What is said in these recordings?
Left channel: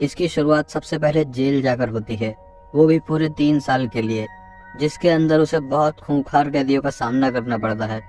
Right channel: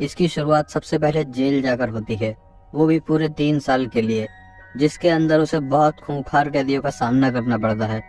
इसकी शुरुआत सबसे पहले जेल जाकर होती है, वो भी पूरे 3 साल के लिए, जिसके अंदर उसे बहुत खूंखार कैदियों का सामना करना पड़ता है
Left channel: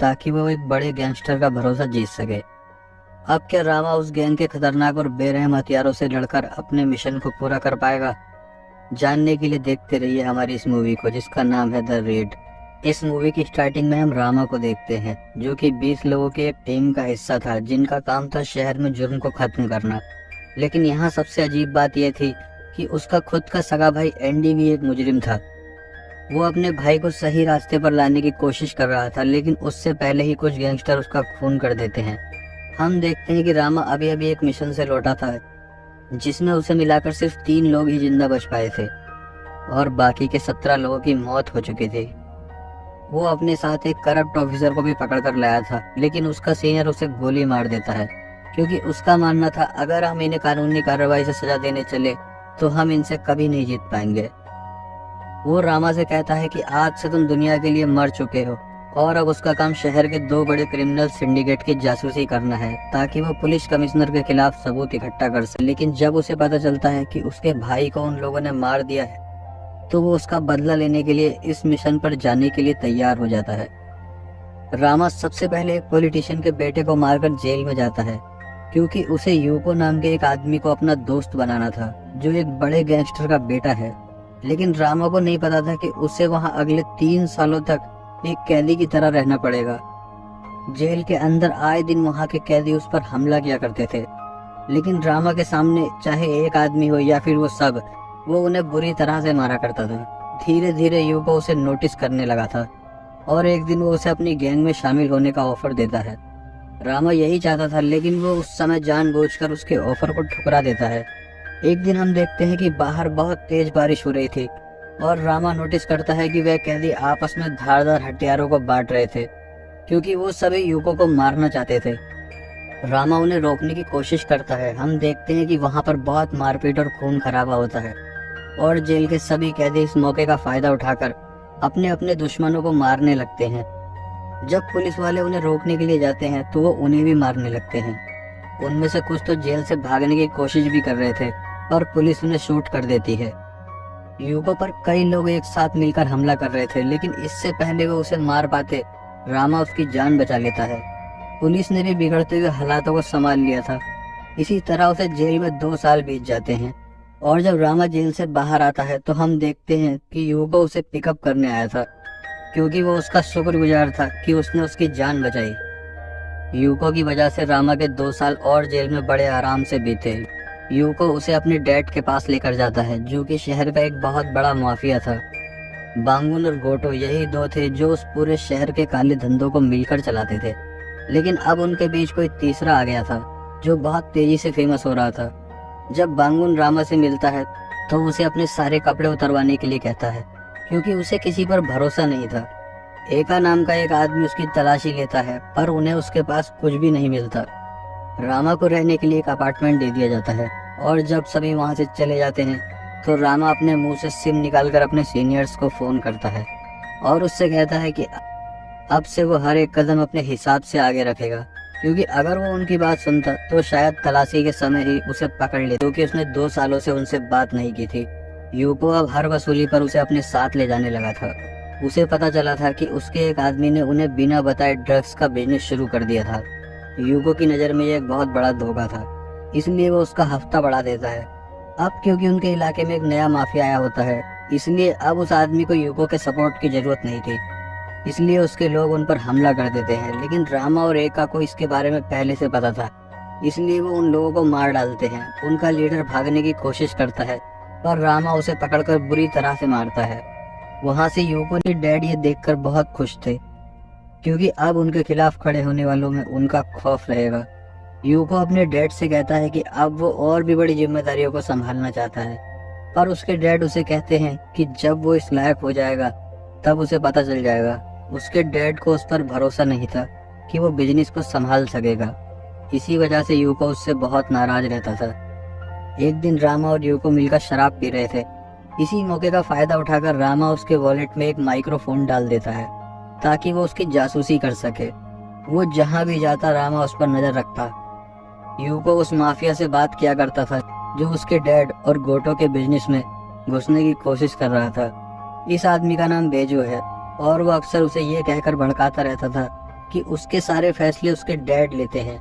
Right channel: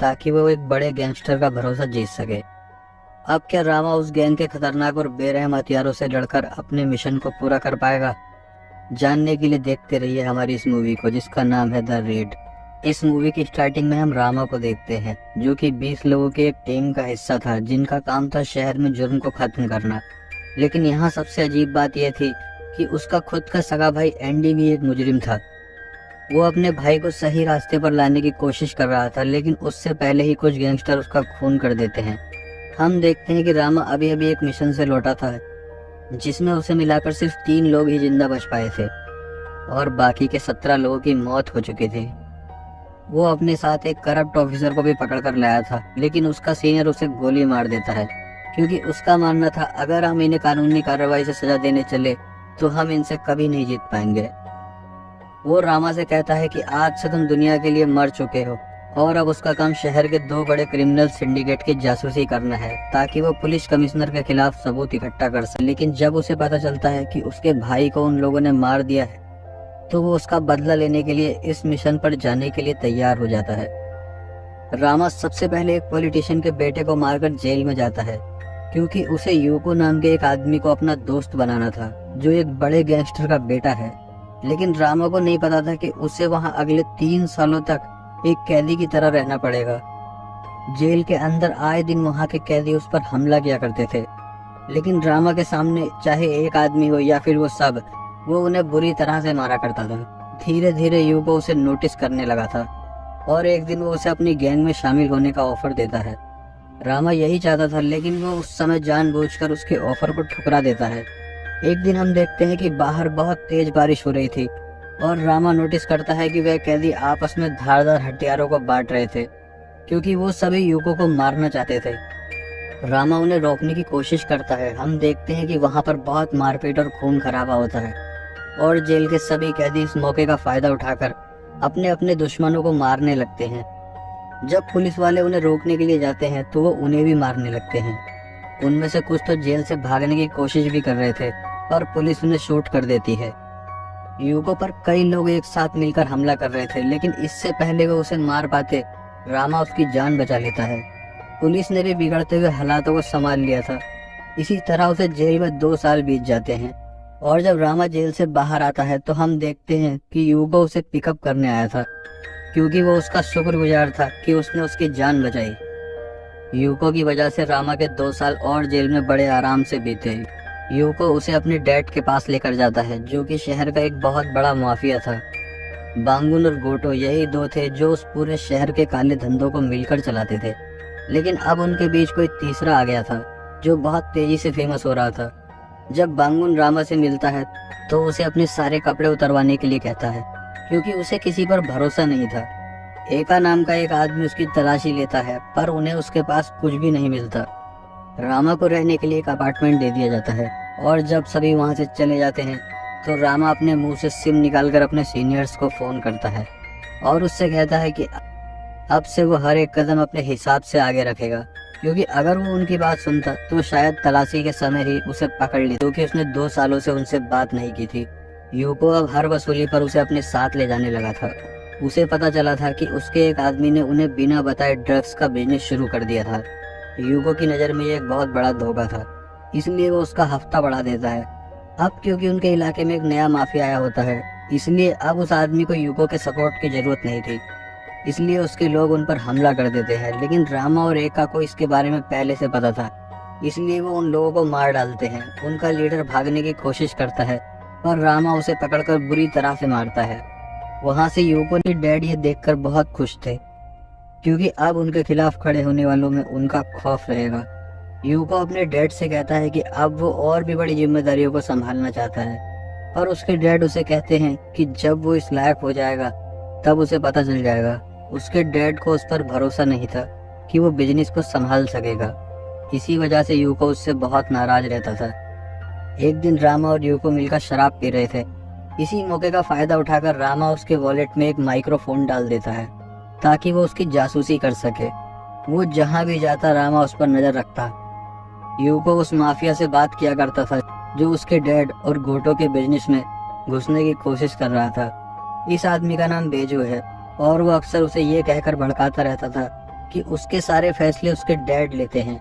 ताकि वो एक बड़े गैंगस्टर का भरोसा जीत सके। अब क्या रामा उस गैंग के खतरनाक और बेरहम हथियारों से लड़कर अपने मिशन को पूरा कर पाएगा? जानने के लिए देखते रहिए हमारी इस मूवी को, जिसका नाम है द रेड। इस मूवी की स्टार्टिंग में हम रामा को देखते हैं, जो कि 20 लोगों की एक टीम का हिस्सा था, जिनका काम था शहर में जुर्म को खत्म करना। लेकिन यहाँ सबसे अजीब बात यह थी कि उसका खुद का सगा भाई एंडी भी एक मुजरिम था। वो अपने भाई को सही रास्ते पर लाने की कोशिश कर रहा था, लेकिन उससे पहले ही कुछ गैंगस्टर उसका खून कर देते हैं। हम देखते हैं कि रामा अभी अभी एक मिशन से लौटा था, जिसमें उसे मिलाकर सिर्फ 3 लोग ही जिंदा बच पाए थे और बाकी के 17 लोगों की मौत हो चुकी थी। वो अपने साथ एक करप्ट ऑफिसर को भी पकड़ कर लाया था, लेकिन उसका सीनियर उसे गोली मार देता है, क्योंकि उसका मानना था अगर हम इन्हें कानूनी कार्रवाई से सजा देने चले तो हम इनसे कभी नहीं जीत पाएंगे। वो रामा से कहता है कि आज से तुम दुनिया के लिए मर चुके हो और अब उसका काम शहर के 2 बड़े क्रिमिनल सिंडिकेट की जासूसी करना है, ताकि वो पुलिस कमिश्नर के खिलाफ सबूत इकट्ठा कर सके। लेकिन जब उसे पता चलता है कि उसके भाई को उन लोगों ने मार दिया है, तो वो उसका बदला लेने के लिए इस मिशन पर जाने के लिए तैयार हो जाता है। रामा सबसे पहले एक पॉलिटिशियन के बेटे को मारकर जेल में जाता है, क्योंकि उसे यूको नाम के एक आदमी को अपना दोस्त बनाना था, जो एक बड़े गैंगस्टर का बेटा है। लेकिन रामा को नहीं पता था कि उसे वहां अगले 3 सालों तक एक कैदी की तरह रहना पड़ेगा। जेल के अंदर आए दिन वहां के कैदी उस पर हमला किया करते थे, लेकिन रामा के सामने चाहे एक आदमी हो या फिर वो सब, वो उन्हें बुरी तरह से मारा करता था। धीरे धीरे यूको उसे नोटिस करने लगा था और एक दिन वो उसे अपनी गैंग में शामिल होने का ऑफर देता है। रामा यही चाहता था, लेकिन वो उस समय जानबूझकर उसके ऑफर को ठुकरा देता है। एक दिन हम देखते हैं कि बाहर बहुत तेज बारिश हो रही थी और रामा नोटिस करता है कि वह कैदी आपस में धारदार हथियारों को बांट रहे थे, क्योंकि वो सभी यूको को मारना चाहते थे। रामा उन्हें रोकने की कोशिश करता है। हम देखते हैं कि वहां पर बहुत मारपीट और खून खराबा होता है और जेल के सभी कैदी इस मौके का फायदा उठाकर अपने अपने दुश्मनों को मारने लगते हैं। जब पुलिस वाले उन्हें रोकने के लिए जाते हैं तो वो उन्हें भी मारने लगते हैं। उनमें से कुछ तो जेल से भागने की कोशिश भी कर रहे थे और पुलिस उन्हें शूट कर देती है। यूको पर कई लोग एक साथ मिलकर हमला कर रहे थे, लेकिन इससे पहले वो उसे मार पाते, रामा उसकी जान बचा लेता है। पुलिस ने भी बिगड़ते हुए हालातों को संभाल लिया था। इसी तरह उसे जेल में 2 साल बीत जाते हैं और जब रामा जेल से बाहर आता है तो हम देखते हैं कि यूको उसे पिकअप करने आया था, क्योंकि वो उसका शुक्रगुजार था कि उसने उसकी जान बचाई। यूको की वजह से रामा के 2 साल और जेल में बड़े आराम से बीते। यूको उसे अपने डैड के पास लेकर जाता है, जो कि शहर का एक बहुत बड़ा माफिया था। बांगुन और गोटो यही 2 थे जो उस पूरे शहर के काले धंधों को मिलकर चलाते थे, लेकिन अब उनके बीच कोई तीसरा आ गया था जो बहुत तेजी से फेमस हो रहा था। जब बांगुन रामा से मिलता है तो उसे अपने सारे कपड़े उतरवाने के लिए कहता है, क्योंकि उसे किसी पर भरोसा नहीं था। एका नाम का एक आदमी उसकी तलाशी लेता है, पर उन्हें उसके पास कुछ भी नहीं मिलता। रामा को रहने के लिए एक अपार्टमेंट दे दिया जाता है और जब सभी वहां से चले जाते हैं तो रामा अपने मुंह से सिम निकालकर अपने सीनियर्स को फोन करता है और उससे कहता है कि अब से वो हर एक कदम अपने हिसाब से आगे रखेगा, क्योंकि अगर वो उनकी बात सुनता तो शायद तलाशी के समय ही उसे पकड़ ले, क्योंकि उसने 2 सालों से उनसे बात नहीं की थी। यूको अब हर वसूली पर उसे अपने साथ ले जाने लगा था। उसे पता चला था कि उसके एक आदमी ने उन्हें बिना बताए ड्रग्स का बिजनेस शुरू कर दिया था। यूको की नज़र में यह एक बहुत बड़ा धोखा था, इसलिए वो उसका हफ्ता बढ़ा देता है। अब क्योंकि उनके इलाके में एक नया माफिया आया होता है, इसलिए अब उस आदमी को यूको के सपोर्ट की जरूरत नहीं थी, इसलिए उसके लोग उन पर हमला कर देते हैं। लेकिन रामा और एका को इसके बारे में पहले से पता था, इसलिए वो उन लोगों को मार डालते हैं। उनका लीडर भागने की कोशिश करता है पर रामा उसे पकड़कर बुरी तरह से मारता है। वहां से यूको के डैड ये देखकर बहुत खुश थे, क्योंकि अब उनके खिलाफ खड़े होने वालों में उनका खौफ रहेगा। यूको अपने डैड से कहता है कि अब वो और भी बड़ी जिम्मेदारियों को संभालना चाहता है, पर उसके डैड उसे कहते हैं कि जब वो इस लायक हो जाएगा तब उसे पता चल जाएगा। उसके डैड को उस पर भरोसा नहीं था कि वो बिजनेस को संभाल सकेगा। इसी वजह से यूको उससे बहुत नाराज रहता था। एक दिन रामा और यूको मिलकर शराब पी रहे थे। इसी मौके का फायदा उठाकर रामा उसके वॉलेट में एक माइक्रोफोन डाल देता है ताकि वो उसकी जासूसी कर सके। वो जहां भी जाता रामा उस पर नजर रखता। यूको उस माफिया से बात किया करता था जो उसके डैड और गोटो के बिजनेस में घुसने की कोशिश कर रहा था। इस आदमी का नाम बेजो है और वो अक्सर उसे ये कहकर भड़काता रहता था कि उसके सारे फैसले उसके डैड लेते हैं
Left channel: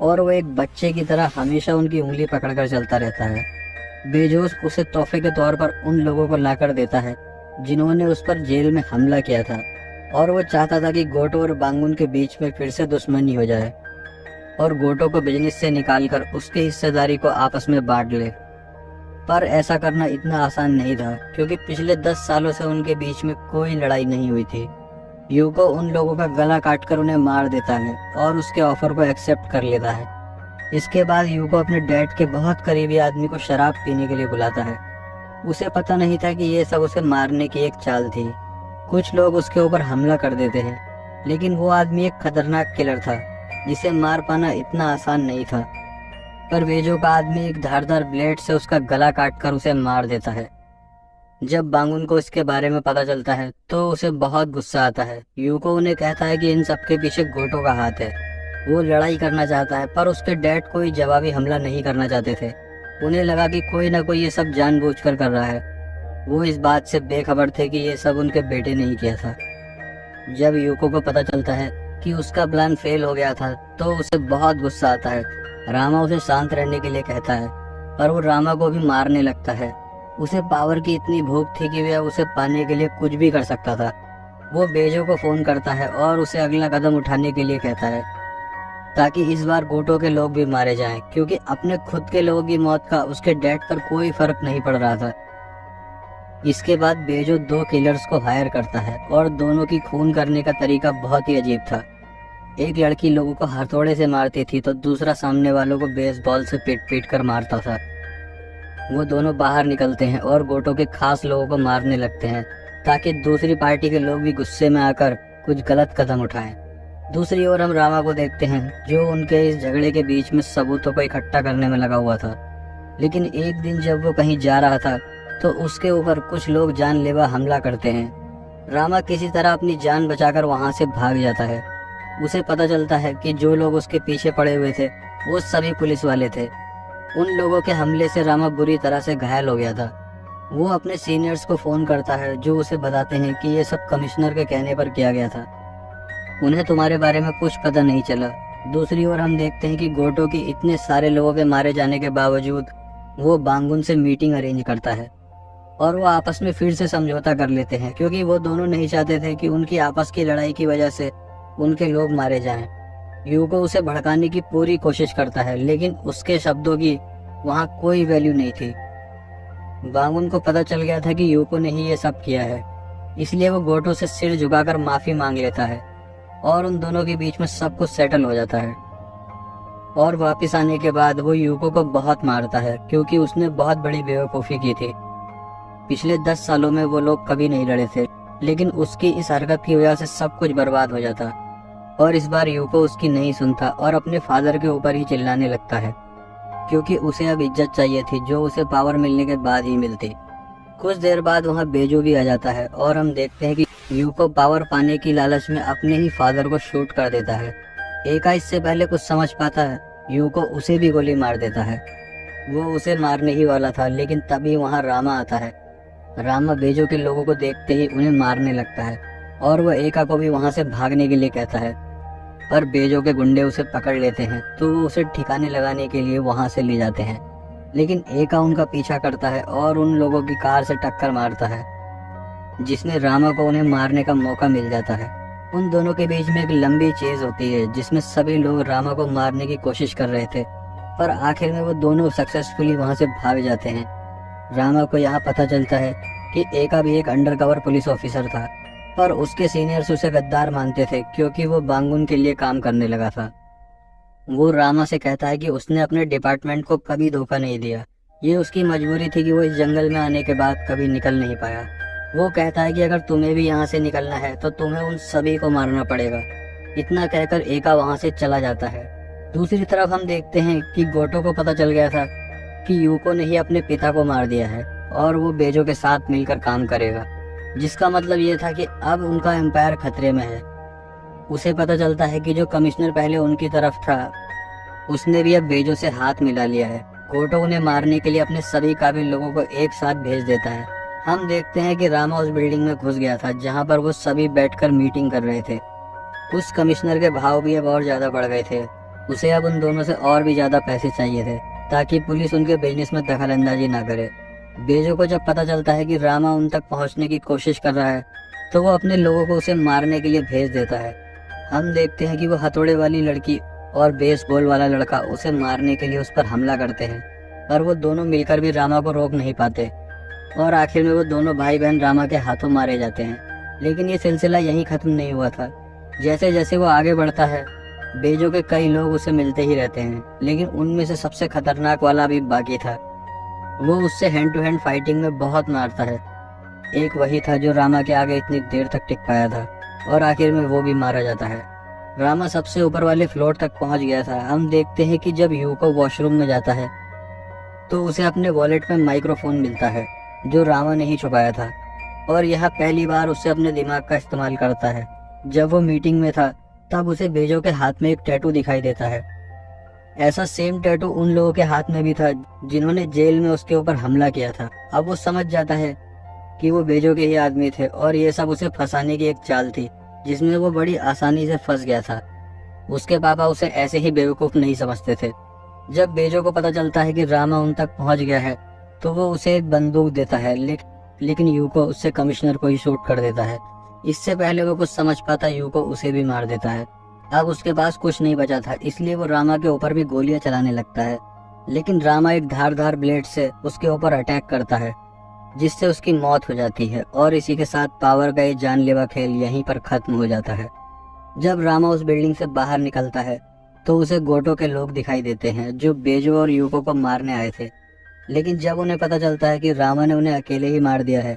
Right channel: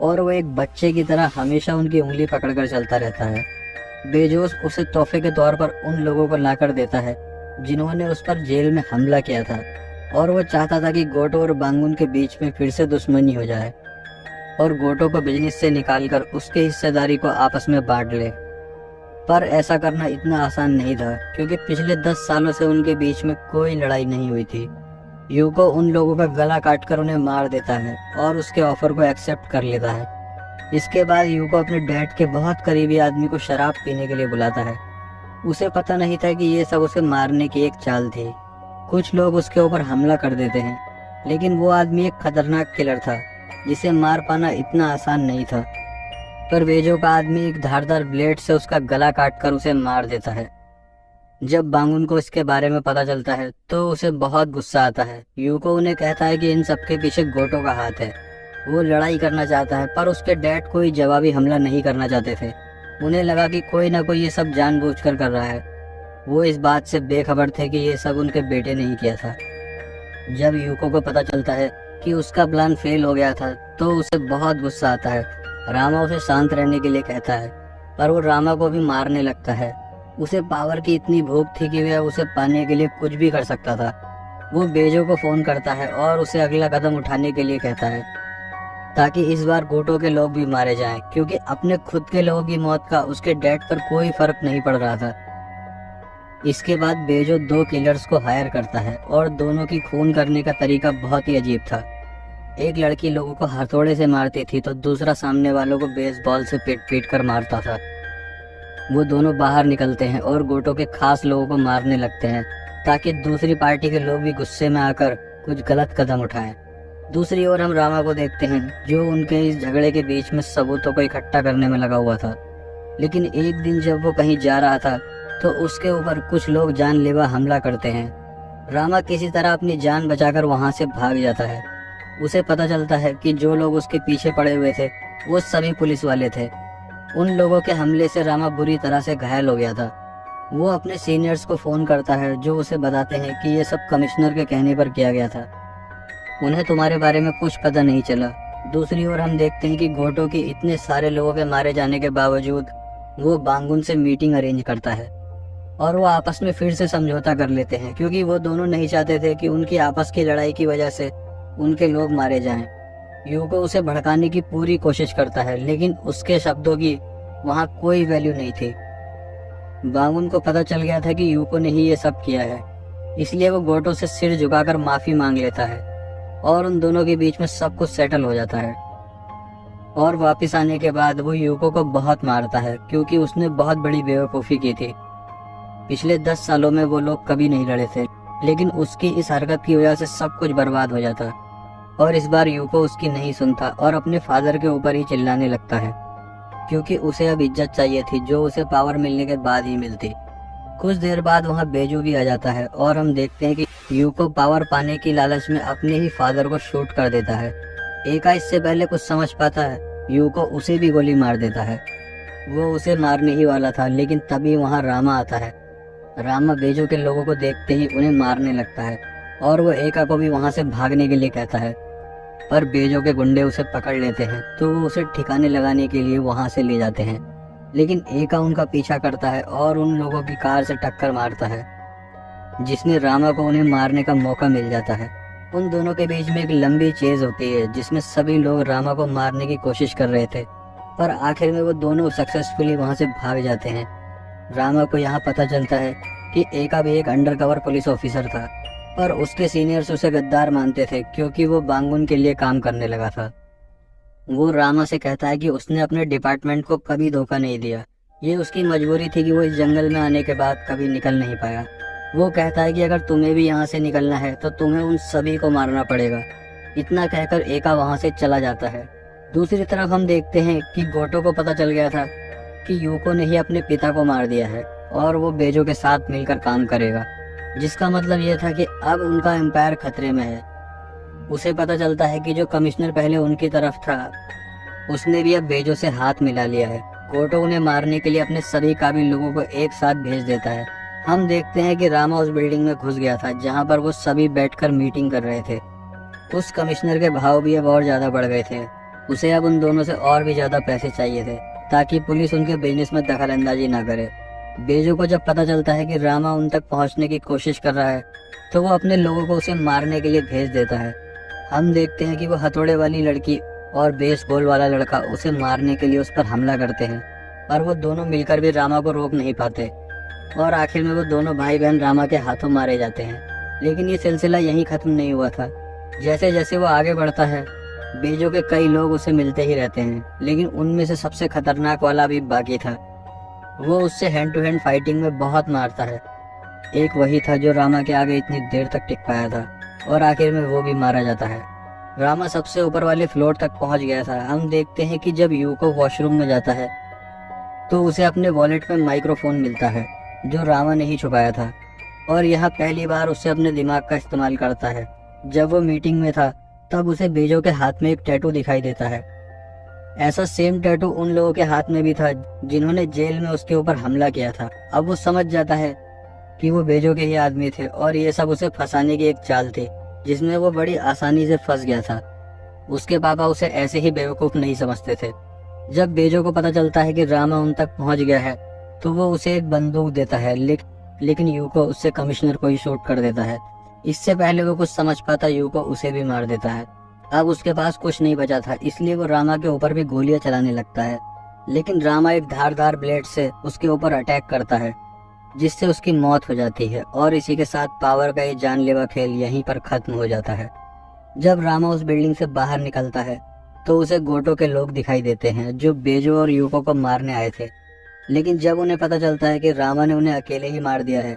और वो एक बच्चे की तरह हमेशा उनकी उंगली पकड़कर चलता रहता है। बेजोस उसे तोहफे के तौर पर उन लोगों को लाकर देता है जिन्होंने उस पर जेल में हमला किया था और वो चाहता था कि गोटो और बांगुन के बीच में फिर से दुश्मनी हो जाए और गोटो को बिजनेस से निकालकर उसकी हिस्सेदारी को आपस में बांट ले। पर ऐसा करना इतना आसान नहीं था क्योंकि पिछले 10 सालों से उनके बीच में कोई लड़ाई नहीं हुई थी। यूको उन लोगों का गला काटकर उन्हें मार देता है और उसके ऑफर को एक्सेप्ट कर लेता है। इसके बाद यूको अपने डैड के बहुत करीबी आदमी को शराब पीने के लिए बुलाता है। उसे पता नहीं था कि ये सब उसे मारने की एक चाल थी। कुछ लोग उसके ऊपर हमला कर देते हैं लेकिन वो आदमी एक खतरनाक किलर था जिसे मार पाना इतना आसान नहीं था। पर बेजो का आदमी एक धारदार ब्लेड से उसका गला काटकर उसे मार देता है। जब बांगुन को इसके बारे में पता चलता है तो उसे बहुत गुस्सा आता है। यूको उन्हें कहता है कि इन सबके पीछे गोटो का हाथ है। वो लड़ाई करना चाहता है पर उसके डैड कोई जवाबी हमला नहीं करना चाहते थे। उन्हें लगा कि कोई ना कोई ये सब जानबूझकर कर रहा है। वो इस बात से बेखबर थे कि ये सब उनके बेटे ने ही किया था। जब यूको को पता चलता है कि उसका प्लान फेल हो गया था तो उसे बहुत गुस्सा आता है। रामा उसे शांत रहने के लिए कहता है पर वो रामा को भी मारने लगता है। उसे पावर की इतनी भूख थी कि वह उसे पाने के लिए कुछ भी कर सकता था। वो बेजो को फोन करता है और उसे अगला कदम उठाने के लिए कहता है ताकि इस बार गोटो के लोग भी मारे जाएं, क्योंकि अपने खुद के लोगों की मौत का उसके डैड पर कोई फर्क नहीं पड़ रहा था। इसके बाद बेजो 2 किलर्स को हायर करता है और दोनों की खून करने का तरीका बहुत ही अजीब था। एक लड़की लोगों को हथौड़े से मारती थी तो दूसरा सामने वालों को बेसबॉल से पीट कर मारता था। वो दोनों बाहर निकलते हैं और गोटो के खास लोगों को मारने लगते हैं ताकि दूसरी पार्टी के लोग भी गुस्से में आकर कुछ गलत कदम उठाएं। दूसरी ओर हम रामा को देखते हैं जो उनके इस झगड़े के बीच में सबूतों को इकट्ठा करने में लगा हुआ था। लेकिन एक दिन जब वो कहीं जा रहा था तो उसके ऊपर कुछ लोग जानलेवा हमला करते हैं। रामा किसी तरह अपनी जान बचाकर वहां से भाग जाता है। उसे पता चलता है कि जो लोग उसके पीछे पड़े हुए थे वो सभी पुलिस वाले थे। उन लोगों के हमले से रामा बुरी तरह से घायल हो गया था। वो अपने सीनियर्स को फोन करता है जो उसे बताते हैं कि ये सब कमिश्नर के कहने पर किया गया था। उन्हें तुम्हारे बारे में कुछ पता नहीं चला। दूसरी ओर हम देखते हैं कि गोटो की इतने सारे लोगों के मारे जाने के बावजूद वो बांगुन से मीटिंग अरेंज करता है और वो आपस में फिर से समझौता कर लेते हैं क्योंकि वो दोनों नहीं चाहते थे कि उनकी आपस की लड़ाई की वजह से उनके लोग मारे जाएं। यूको उसे भड़काने की पूरी कोशिश करता है लेकिन उसके शब्दों की वहाँ कोई वैल्यू नहीं थी। बांगुन को पता चल गया था कि यूको ने ही ये सब किया है, इसलिए वो गोटो से सिर झुकाकर माफी मांग लेता है और उन दोनों के बीच में सब कुछ सेटल हो जाता है। और वापस आने के बाद वो यूको को बहुत मारता है क्योंकि उसने बहुत बड़ी बेवकूफ़ी की थी। पिछले 10 सालों में वो लोग कभी नहीं लड़े थे लेकिन उसकी इस हरकत की वजह से सब कुछ बर्बाद हो जाता और इस बार यूको उसकी नहीं सुनता और अपने फादर के ऊपर ही चिल्लाने लगता है क्योंकि उसे अब इज्जत चाहिए थी जो उसे पावर मिलने के बाद ही मिलती। कुछ देर बाद वहाँ बेजो भी आ जाता है और हम देखते हैं कि यूको पावर पाने की लालच में अपने ही फादर को शूट कर देता है। एका इससे पहले कुछ समझ पाता है, यूको उसे भी गोली मार देता है। वो उसे मारने ही वाला था लेकिन तभी वहाँ रामा आता है। रामा बेजो के लोगों को देखते ही उन्हें मारने लगता है और वो एका को भी वहाँ से भागने के लिए कहता है, पर बेजो के गुंडे उसे पकड़ लेते हैं तो वो उसे ठिकाने लगाने के लिए वहाँ से ले जाते हैं। लेकिन एका उनका पीछा करता है और उन लोगों की कार से टक्कर मारता है जिसमें रामा को उन्हें मारने का मौका मिल जाता है। उन दोनों के बीच में एक लंबी चेज होती है जिसमें सभी लोग रामा को मारने की कोशिश कर रहे थे, पर आखिर में वो दोनों सक्सेसफुली वहाँ से भाग जाते हैं। रामा को यहाँ पता चलता है कि एका भी एक अंडरकवर पुलिस ऑफिसर था, पर उसके सीनियर्स उसे गद्दार मानते थे क्योंकि वो बांगुन के लिए काम करने लगा था। वो रामा से कहता है कि उसने अपने डिपार्टमेंट को कभी धोखा नहीं दिया, ये उसकी मजबूरी थी कि वो इस जंगल में आने के बाद कभी निकल नहीं पाया। वो कहता है कि अगर तुम्हें भी यहाँ से निकलना है तो तुम्हें उन सभी को मारना पड़ेगा। इतना कहकर एका वहाँ से चला जाता है। दूसरी तरफ हम देखते हैं कि गोटो को पता चल गया था कि यूको ने ही अपने पिता को मार दिया है और वो बेजो के साथ मिलकर काम करेगा, जिसका मतलब ये था कि अब उनका एम्पायर खतरे में है। उसे पता चलता है कि जो कमिश्नर पहले उनकी तरफ था उसने भी अब बेजो से हाथ मिला लिया है गोटो उन्हें मारने के लिए अपने सभी काबिल लोगों को एक साथ भेज देता है। हम देखते हैं कि रामा उस बिल्डिंग में घुस गया था जहां पर वो सभी बैठकर मीटिंग कर रहे थे। उस कमिश्नर के भाव भी अब और ज्यादा बढ़ गए थे। उसे अब उन दोनों से और भी ज्यादा पैसे चाहिए थे ताकि पुलिस उनके बिजनेस में दखल अंदाजी न करे। बेजू को जब पता चलता है कि रामा उन तक पहुंचने की कोशिश कर रहा है तो वो अपने लोगों को उसे मारने के लिए भेज देता है। हम देखते हैं कि वो हथौड़े वाली लड़की और बेसबॉल वाला लड़का उसे मारने के लिए उस पर हमला करते हैं, पर वो दोनों मिलकर भी रामा को रोक नहीं पाते और आखिर में वो दोनों भाई बहन रामा के हाथों मारे जाते हैं। लेकिन ये सिलसिला यहीं खत्म नहीं हुआ था। जैसे जैसे वो आगे बढ़ता है बेजू के कई लोग उसे मिलते ही रहते हैं, लेकिन उनमें से सबसे खतरनाक वाला भी बाकी था। वो उससे हैंड टू हैंड फाइटिंग में बहुत मारता है। एक वही था जो रामा के आगे इतनी देर तक टिक पाया था और आखिर में वो भी मारा जाता है। रामा सबसे ऊपर वाले फ्लोर तक पहुंच गया था। हम देखते हैं कि जब यूको वॉशरूम में जाता है तो उसे अपने वॉलेट में माइक्रोफोन मिलता है जो रामा ने ही छुपाया था, और यह पहली बार उसे अपने दिमाग का इस्तेमाल करता है। जब वो मीटिंग में था तब उसे बेजो के हाथ में एक टैटू दिखाई देता है। ऐसा सेम टैटू उन लोगों के हाथ में भी था जिन्होंने जेल में उसके ऊपर हमला किया था। अब वो समझ जाता है कि वो बेजो के ही आदमी थे और ये सब उसे फंसाने की एक चाल थी जिसमें वो बड़ी आसानी से फंस गया था। उसके पापा उसे ऐसे ही बेवकूफ नहीं समझते थे। जब बेजो को पता चलता है कि रामा उन तक पहुंच गया है तो वो उसे एक बंदूक देता है, लेकिन यूको उससे कमिश्नर को ही शूट कर देता है। इससे पहले वो कुछ समझ पाता यूको उसे भी मार देता है। अब उसके पास कुछ नहीं बचा था, इसलिए वो रामा के ऊपर भी गोलियां चलाने लगता है, लेकिन रामा एक धारदार ब्लेड से उसके ऊपर अटैक करता है जिससे उसकी मौत हो जाती है और इसी के साथ पावर का ये जानलेवा खेल यहीं पर खत्म हो जाता है। जब रामा उस बिल्डिंग से बाहर निकलता है तो उसे गोटो के लोग दिखाई देते हैं जो बेजो और यूको को मारने आए थे, लेकिन जब उन्हें पता चलता है कि रामा ने उन्हें अकेले ही मार दिया है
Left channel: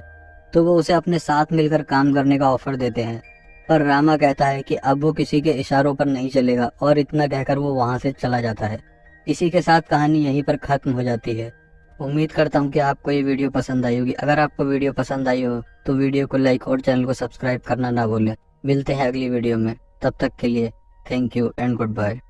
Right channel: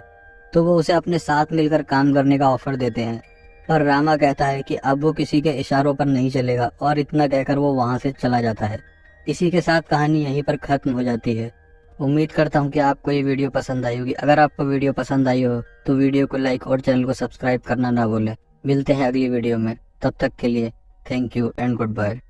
तो वो उसे अपने साथ मिलकर काम करने का ऑफर देते हैं, पर रामा कहता है कि अब वो किसी के इशारों पर नहीं चलेगा और इतना कहकर वो वहां से चला जाता है। इसी के साथ कहानी यहीं पर खत्म हो जाती है। उम्मीद करता हूँ कि आपको ये वीडियो पसंद आई होगी। अगर आपको वीडियो पसंद आई हो तो वीडियो को लाइक और चैनल को सब्सक्राइब करना ना भूलें। मिलते हैं अगली वीडियो में, तब तक के लिए thank you and good bye.